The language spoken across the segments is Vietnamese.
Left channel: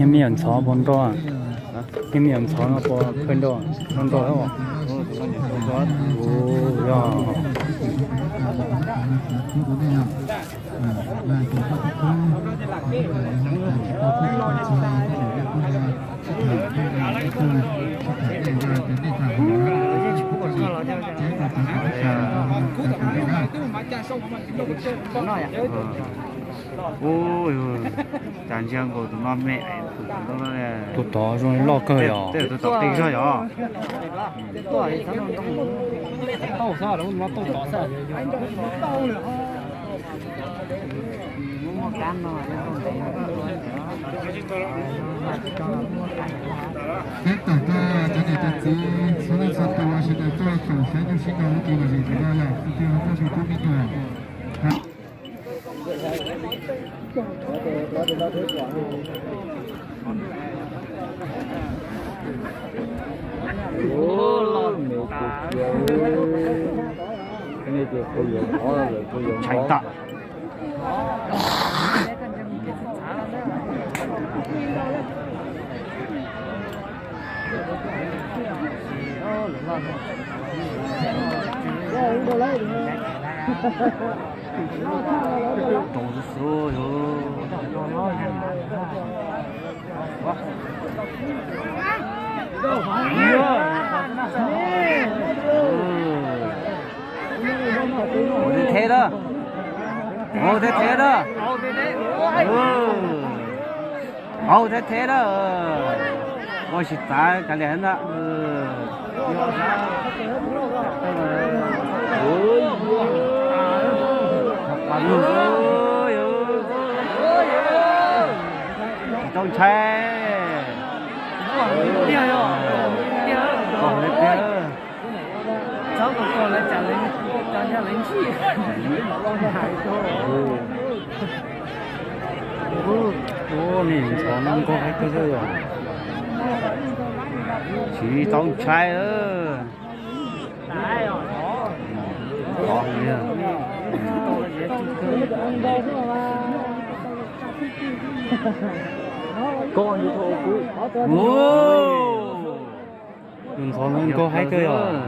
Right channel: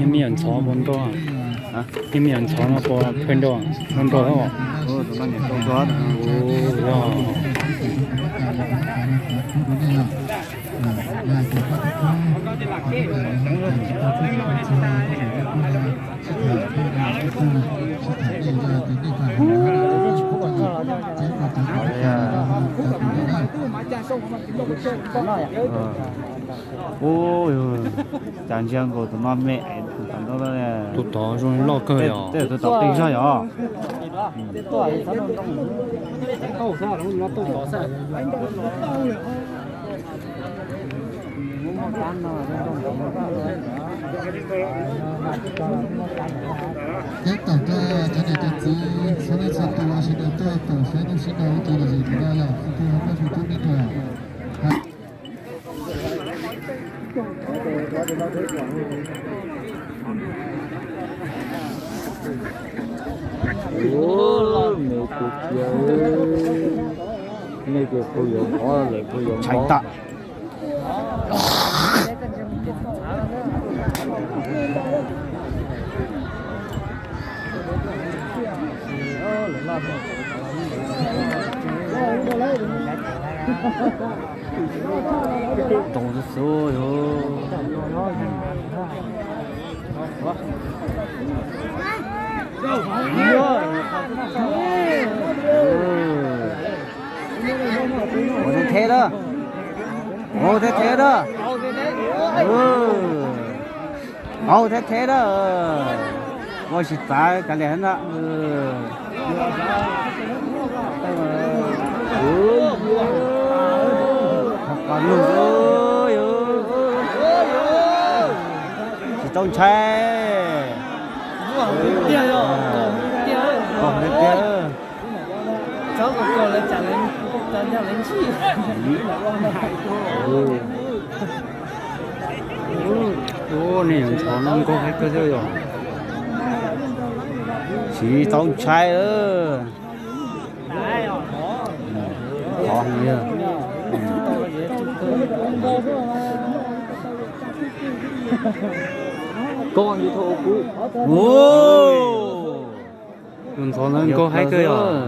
em miệng chó bốn đô em miệng chó nó có phân đô non đô không 오, 야. 오, 단지한 거 너무 매. 또 더 좀 럭커요. 네, 또 더 띵셔요. các tàu ca cho nên tàu cũ số lượng tàu là sẽ được tôi khẩu sẽ được xin cầu tôi là gì thì đây là tôi không có sự thông minh 잘 있다. 너무 thế đó, thế đó, thế đó, 멋있다, cái này nó, chỉ trông chơi, còn đấy kia. Cháu còn là trả nhà lính chi. Ô, này cháu nó có cái cơ rồi. Chỉ trong trai ơ. Có gì à? Con đi thôi cũ. Ôi. Còn cháu nó có hai cơ rồi.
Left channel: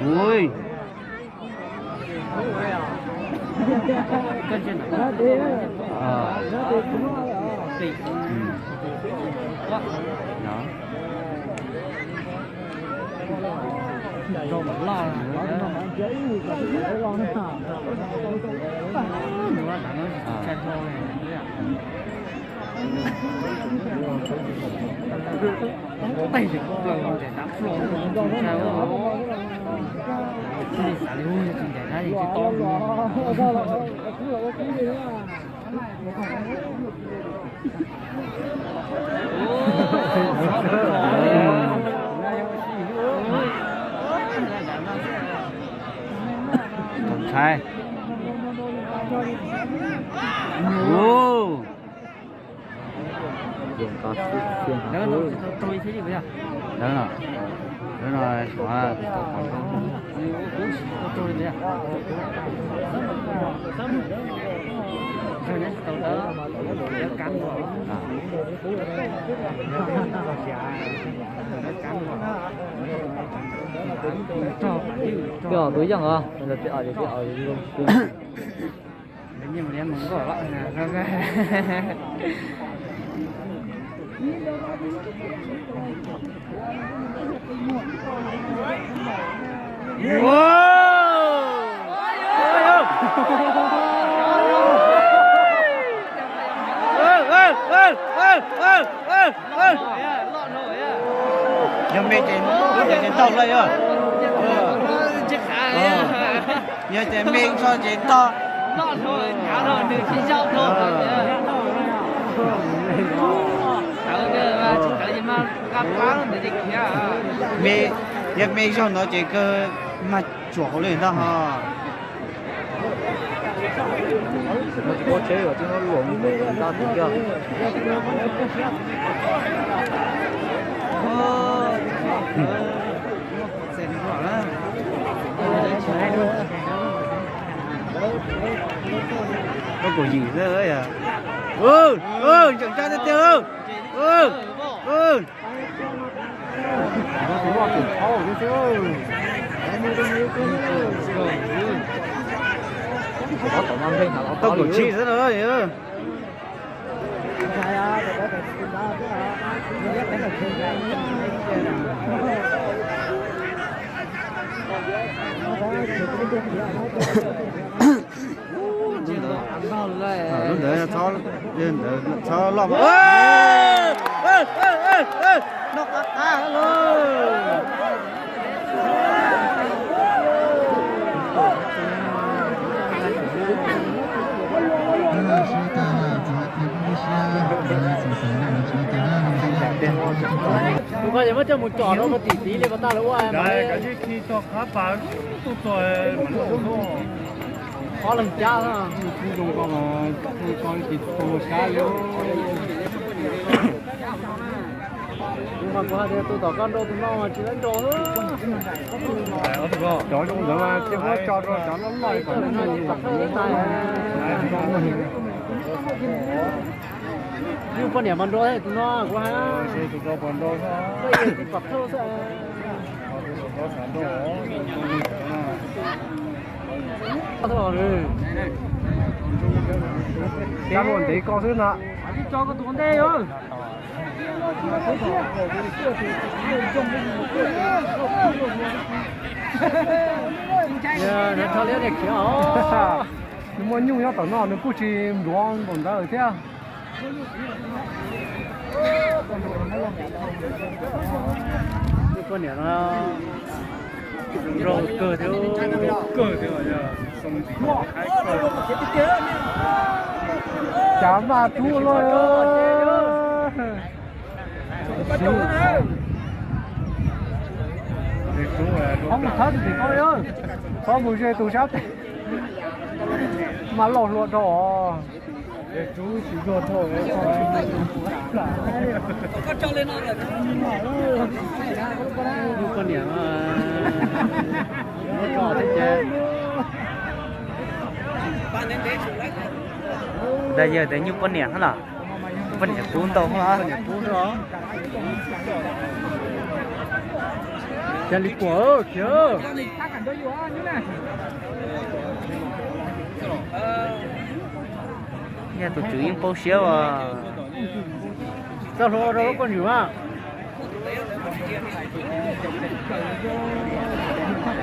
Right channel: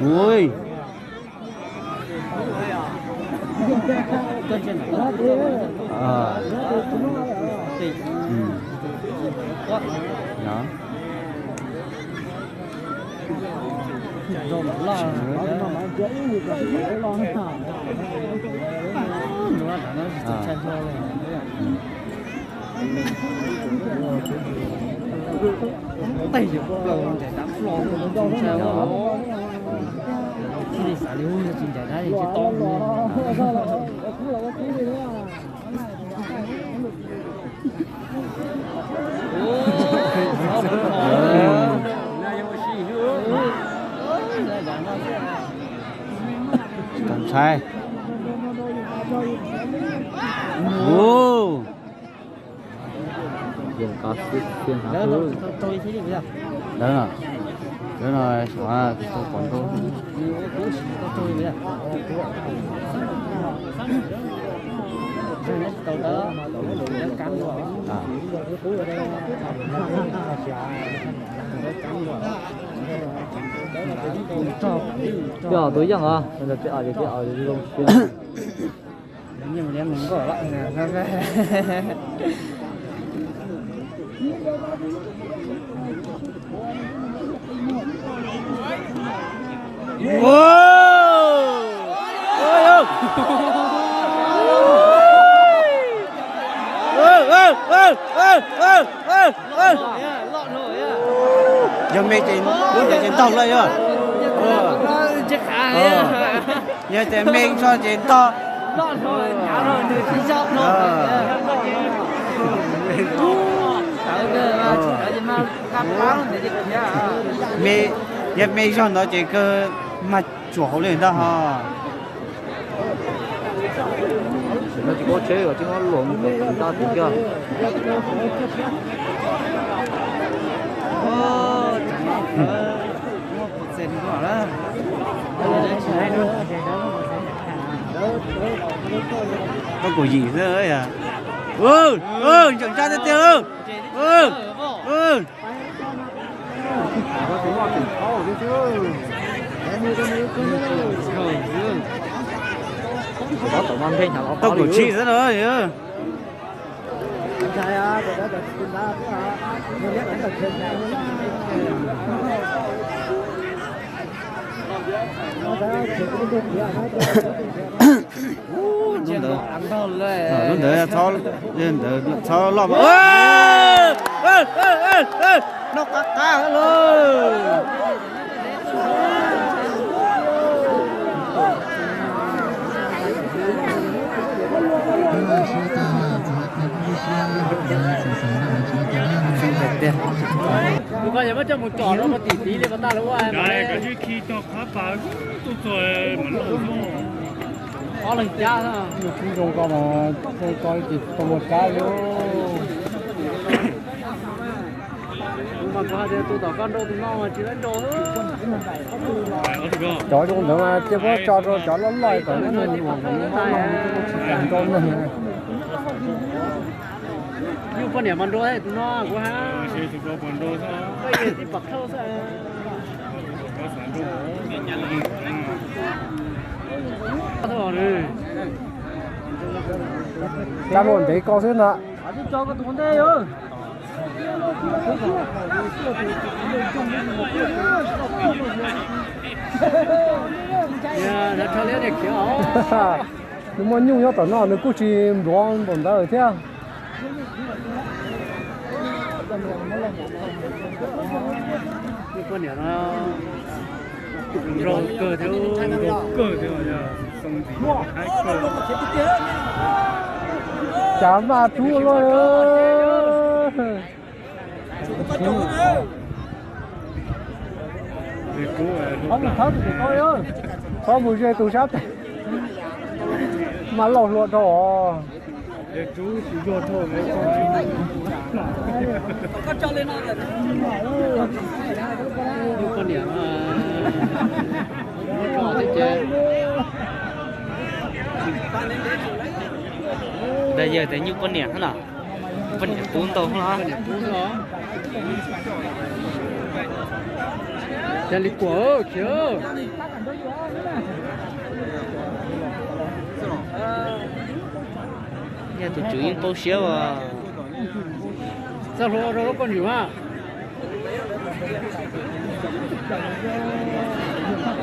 Ui. Thì xả lưu như chuyện để ra thì cái to không sai. Ô. Dùng có tiền thôi. Tôi thế đi bây giờ. Đấy rồi. Đấy rồi, xóa tôi bây giờ. Rồi tàu đó cắn vào. Giờ tối chẳng à? Giờ tiệu luôn. Nhưng mà em muốn gọi bạn là giờ mẹ trên tàu đây rồi. Chết khá đấy. Giờ trên mẹ cho trên to. Mẹ giờ mẹ cho nó chỉ cơ mặt chỗ lên đó ha. Nó chỉ có chế rồi chứ nó luồn để tao được chưa? Sen đó. cái cổ gì thế ấy à chẳng cha thế tiêu tôi cổ chi rất rồi lên để thò lên để thò lọm nó cá luôn bây giờ mới cho một trò nó một tỷ để bắt ta nó qua đấy cái chứ khi cho cá bán tôi rồi mình lỗ thôi có lần cha đó không dùng con mà không coi thì còn một cá nữa tôi tỏ con đâu thì nó chỉ đánh đồ chó trong đó mà chưa có cho nó lại còn nó mình con này nhưng con điểm bằng đôi thì nó quá sử dụng đồ bẩn đồ thôi bây giờ thì bật thô thôi có sản đồ thôi cá luôn đấy con xếp nè đi cho cái tuấn đây ơi nhưng mà nhung nhau tao nó cứ chỉ buông tao đó thế con này nó rau cơ thứ mà giờ xong thì hai cơ chả mà thua rồi không thật thì coi ơi có một giây tôi sắp mà lỏng lộn rồi chú chỉ ruột thôi có cho lên nó là con điểm nó có thế bây giờ thấy như con nẻ thế nào con nẻ cuốn to không chân lý của chưa giờ tụi chú yên bao xíu à sao rồi con hiểu à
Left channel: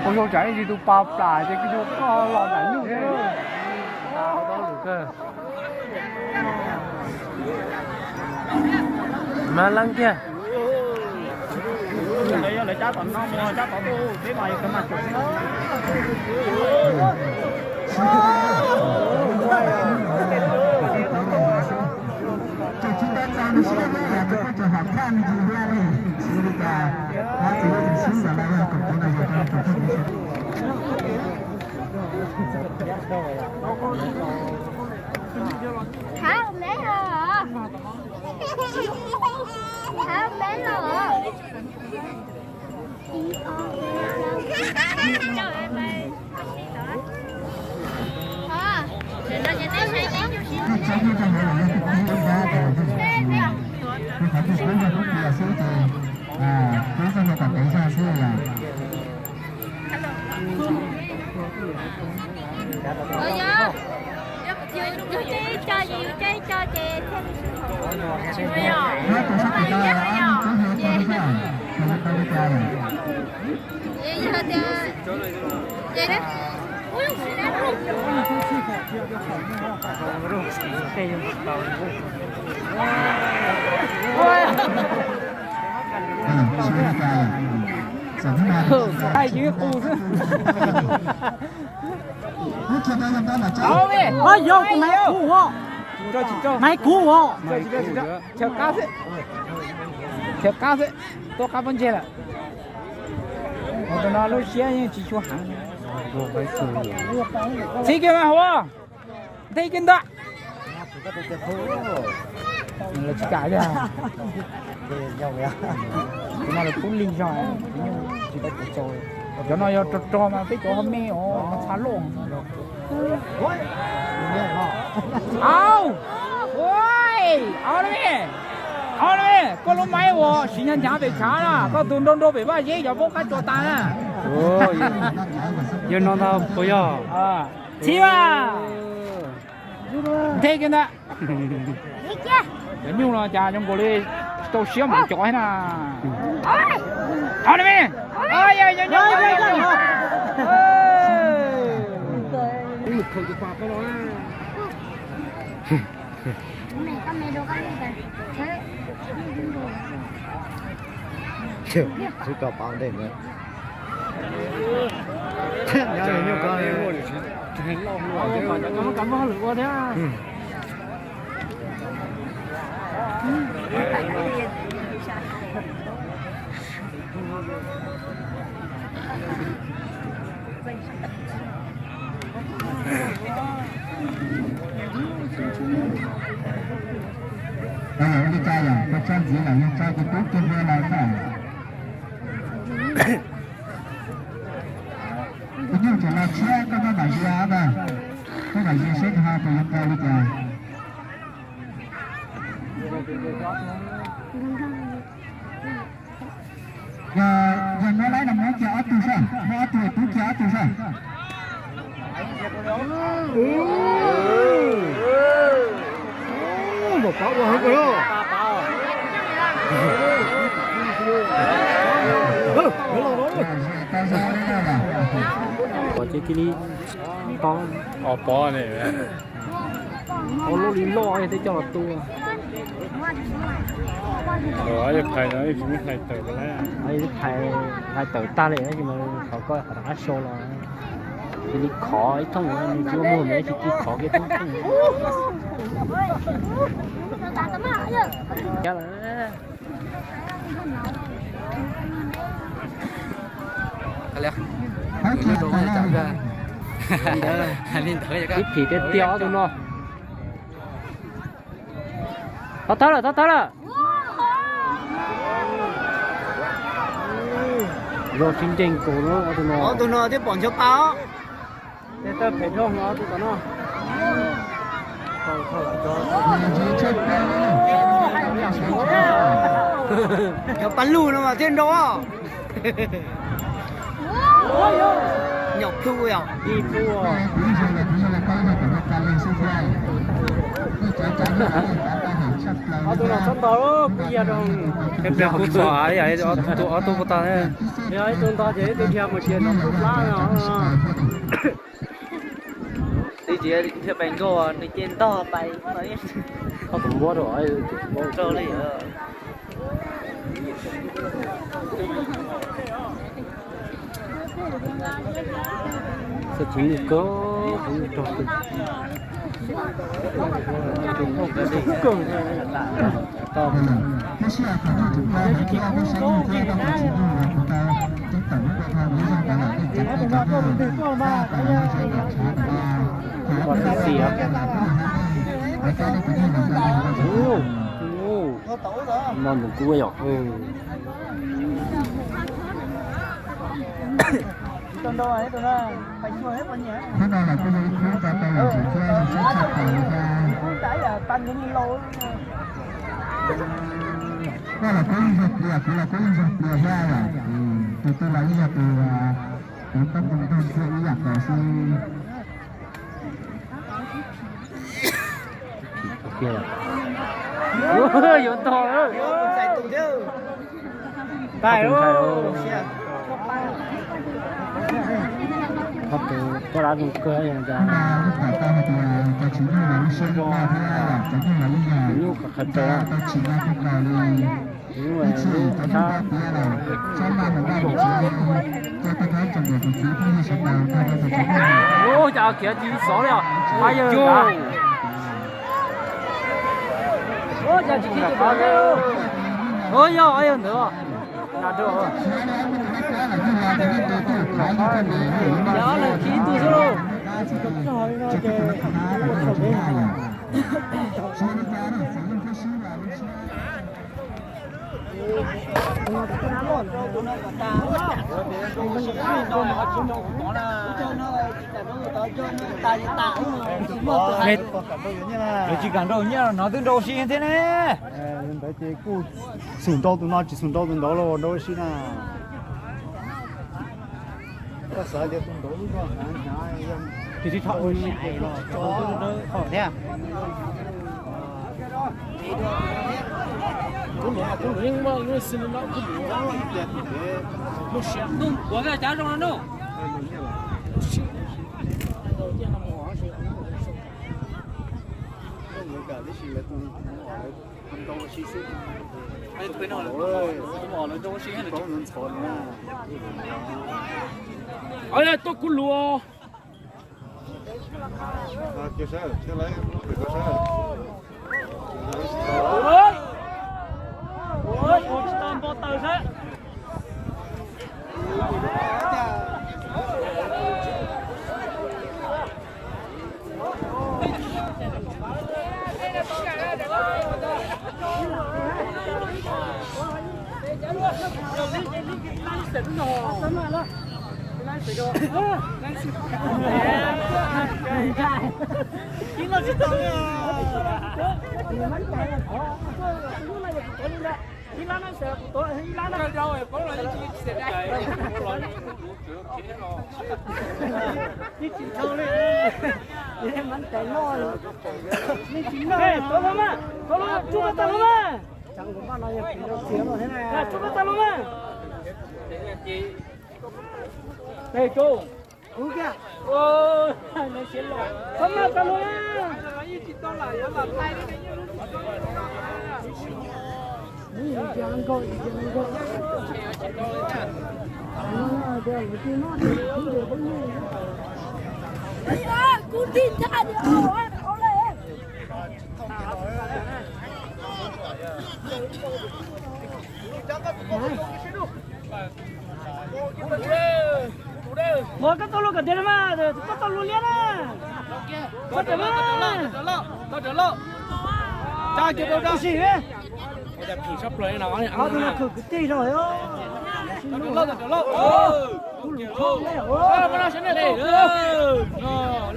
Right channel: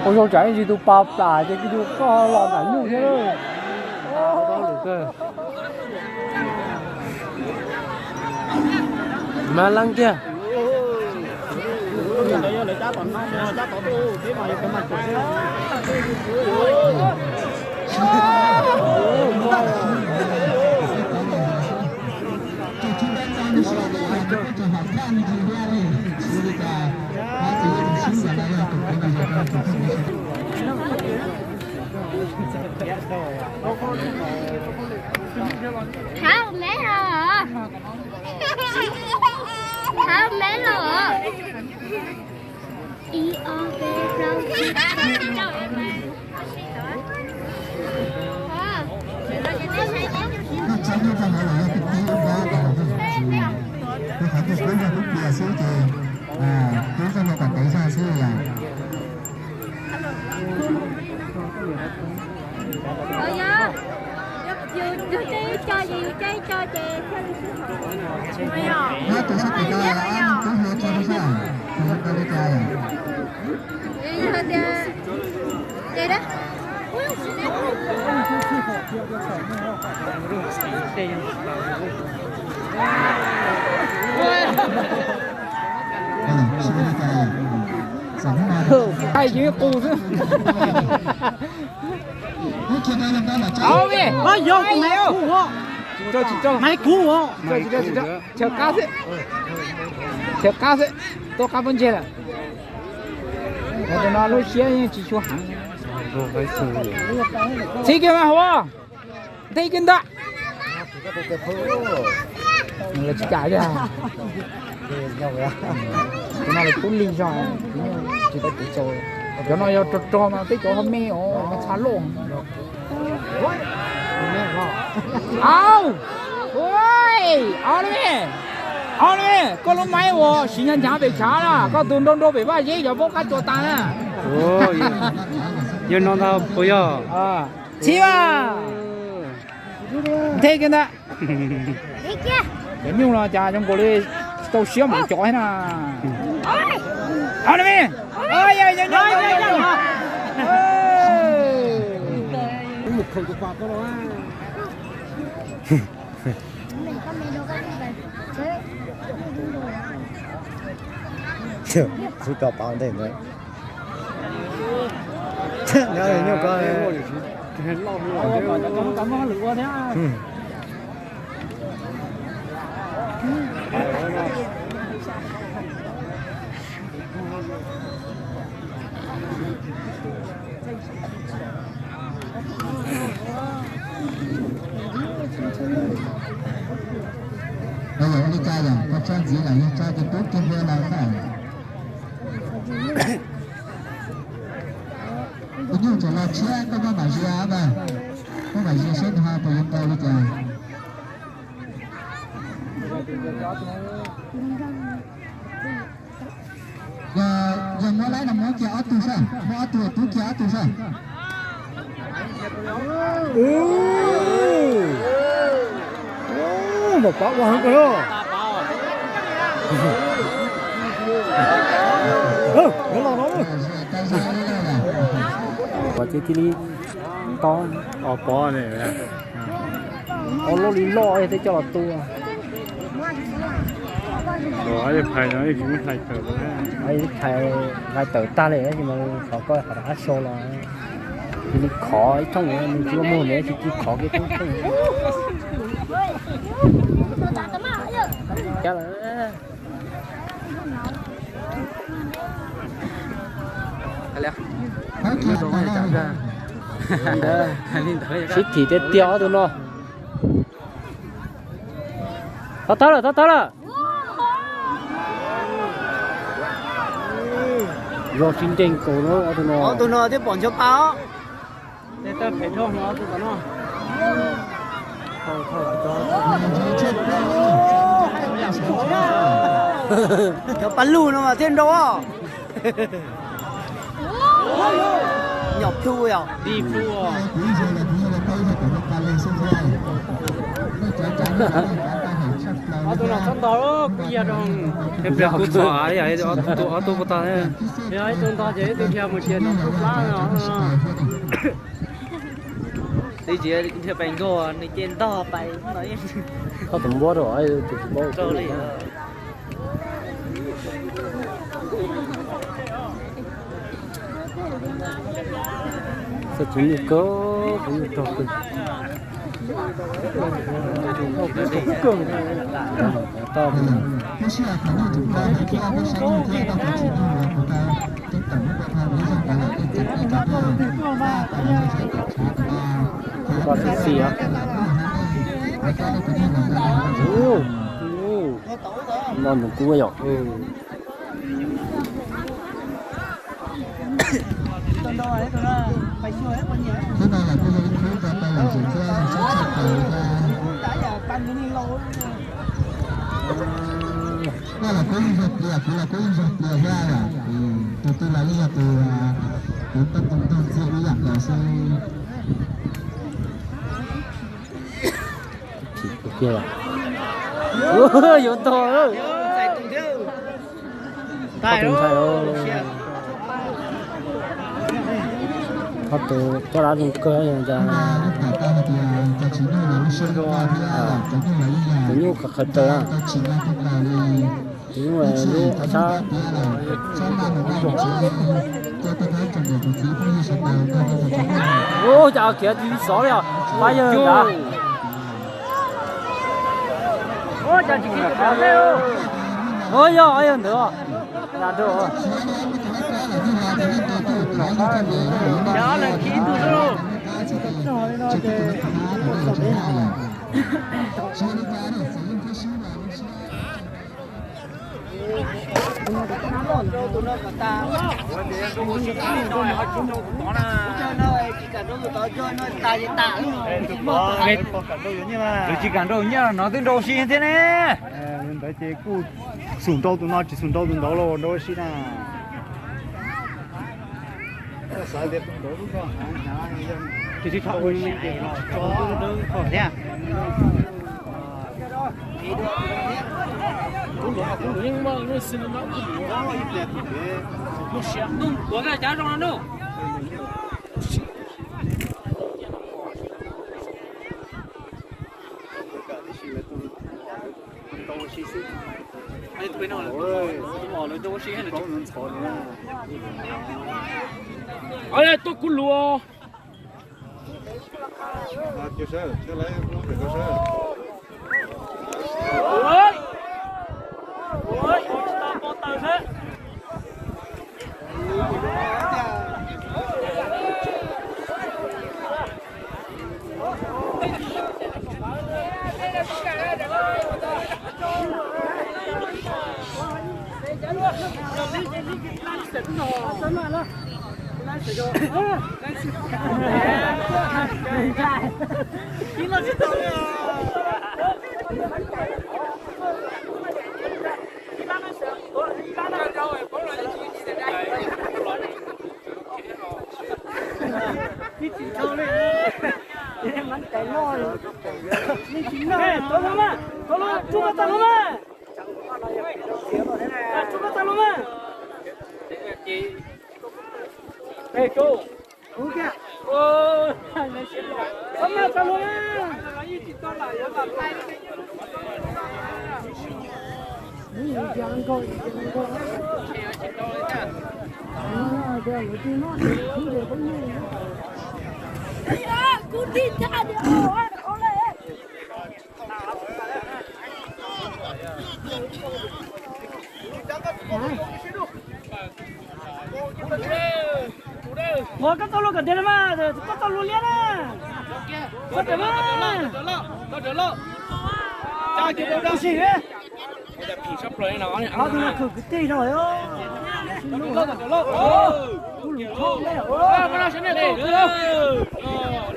tôi không chạy gì tôi bạp đà chứ cái tôi có làm ảnh như thế đâu mà lăng kia Hả con bé rồi hả? Hả con bé rồi hả? Đi ô Trái như thế này là cái kinh tế đa của cái phải được đến lúc bia số thì tôi cho nó còn tới ra số là hai tổ chức của ta là ăn cũng hiểu cho nó sao không có đi chơi vậy đó hai chữ cu chứ Ôi, vô cái máy cũ hả? cho Máy cũ hả? theo cá đấy tôi cá vấn đề là nó lôi xe như chỉ cho hàng thấy cái mà hoa thấy cái đó là chỉ cả ra cái này là cũng linh rồi chỉ có chỉ chờ cái nó cho mà thấy có hôm nay nó xả lộn ao ôi ao đi có lúc mấy ô xin nhân trả về trả là có tuần đông đô về ba giấy giờ bốc cá cho ta nè ồ yên non tao bây giờ chi à thế kia nè để nhung là cha trong cô đi tôi xíu mà chọi nè ao đi ơi ơi ơi ơi chỉ có bao nhiêu nữa nhớ là nhớ coi cảm ơn lực quá thế đi cha rồi, có cha gì là đi cha cái tốt kia vừa lại phải. Cái nhiều chỗ là chia có cái bài chia mà, có bài chia số 2 của chúng ta đi cha. Giờ nó lấy là món kia ở tu sao, món tu kia ở tu sao. Một có qua hết rồi. có cái kia to Bỏ này. có lô lý lo thì cho tu Rồi thầy nói cũng thầy tự đó. thầy tự ta này nhưng mà họ có họ đã show là thì khó ấy trong này mình chưa mua nữa thì khó cái không cái là ship thì tết tiêu thôi nó tao là do chương trình của nó tụi nó tiếp bọn cho tao tao phải lo nó tụi nó cho bắn lù nó mà trên đó nhọc thu à đi mua em đang cút xóa đấy tụi tôi có ta đấy đấy tôi ta chế tôi theo một chuyện đi chế chưa bánh rồi đi trên to bay có từng bố rồi cho đi sẽ cũng cho tôi cái xe thằng nó chúng ta cái kia cái xe nó kia ta phải chịu được của ta cái tổng của ta bây giờ phải là cái mà ta phải là cái trả ta còn cái gì á cái cái cái này là nên mình cũng có thế này là bây giờ chúng ta phải là chúng ta sẽ chặt đầu ra đó là có những vật liệu cũng là có những vật liệu ra là từ từ là như là từ tâm tâm tâm sẽ đi giặt là sẽ kia ôi yếu to ơi tay đâu bắt từ cái lá thì cơ ấy ra lúc cả ta thì ta chỉ như là sinh ra thế là như là như như cả khẩn trở ta chỉ là cái này nhưng mà như sao ô chào kia thì xó rồi bây giờ ô chào chị có cái ôi yo ai nữa là được rồi đó là khí tu rồi chỉ cần đâu nhá nó tương đối xin thế này hiện tại thì cú sủng đâu tụi nó chỉ sủng đâu tụi nó rồi đâu xin à có sai để tụi nó luôn không thì thôi cho nó khỏi thế à nhưng mà nó xin nó cũng nó sáng đúng có cái giá trong nó哎，都咕噜哦！就是再来就是喂，我知道不等他。Đây cô. Ủa kìa. Ô, này xếp lọ. Không nào cả luôn á. Một cái tàu lô cả tiền mà, có tàu lô liền à. Có tiền mà. Có tiền lô. Cha chơi đâu đâu xí đấy. Đã phỉ sắp rồi nó. Nó thử cái tí rồi ơ. Lô. Cái này sẽ này tàu nữa.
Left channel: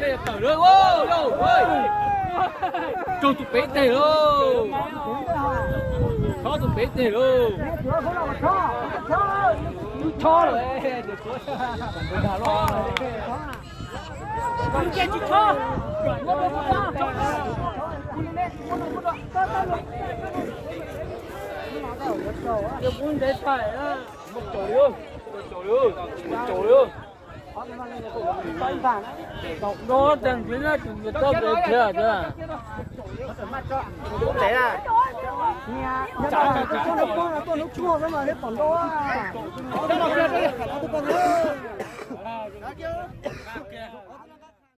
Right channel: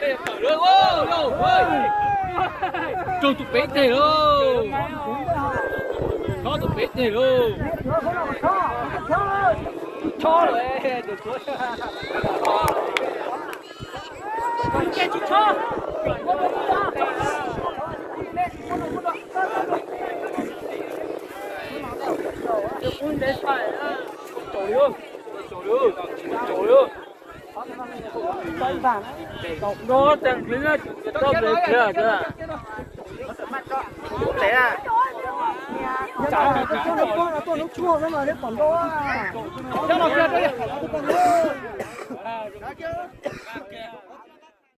Đây tàu nữa. Cho tụi bé tè luôn. Cho tụi bé tè luôn. Cho rồi. Cái cuốn đấy phải á, một chỗ luôn. Nó đang phía ra thì có về kia kìa. Thế à? Chả cái nó chua cái mà nó còn đó. Đó là kia.